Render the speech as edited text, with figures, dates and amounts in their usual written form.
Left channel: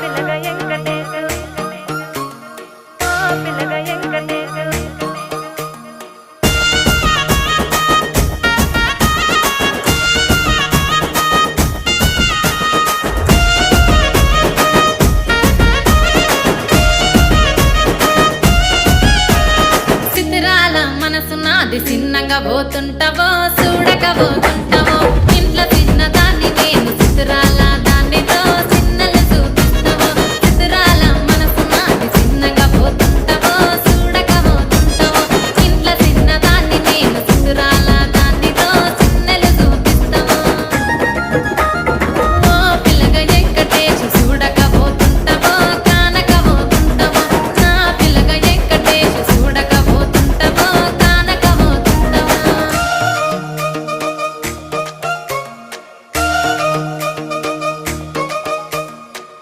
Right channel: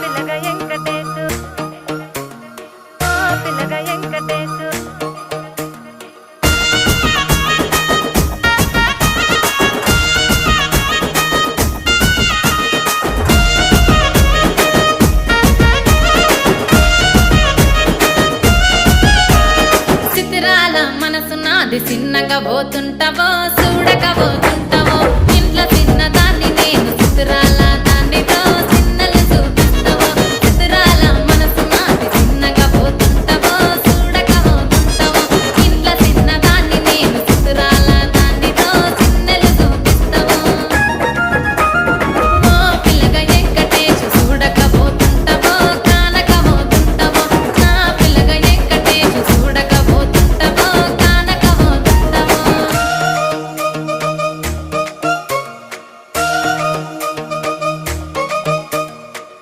పిల్లగా వెంకటేశు ఓ పిల్లగా వెంకటేశు చిత్రాల మనసు నాది చిన్నగా పోతుంటావో చూడక పోతుంటావో ఇంట్లో చిన్నదాన్ని నేను చిత్రాల దానితో చిన్నలు చూపిస్తావో చిత్రాల మనసు నాది చిన్నగా పోతుంటావో చూడక పోతుంటావో ఇంట్లో చిన్నదాన్ని నేను చిత్రాల దానితో చిన్నలు చూపిస్తావో ఓ పిల్లగా వెంకటేశు చూడక పోతుంటావో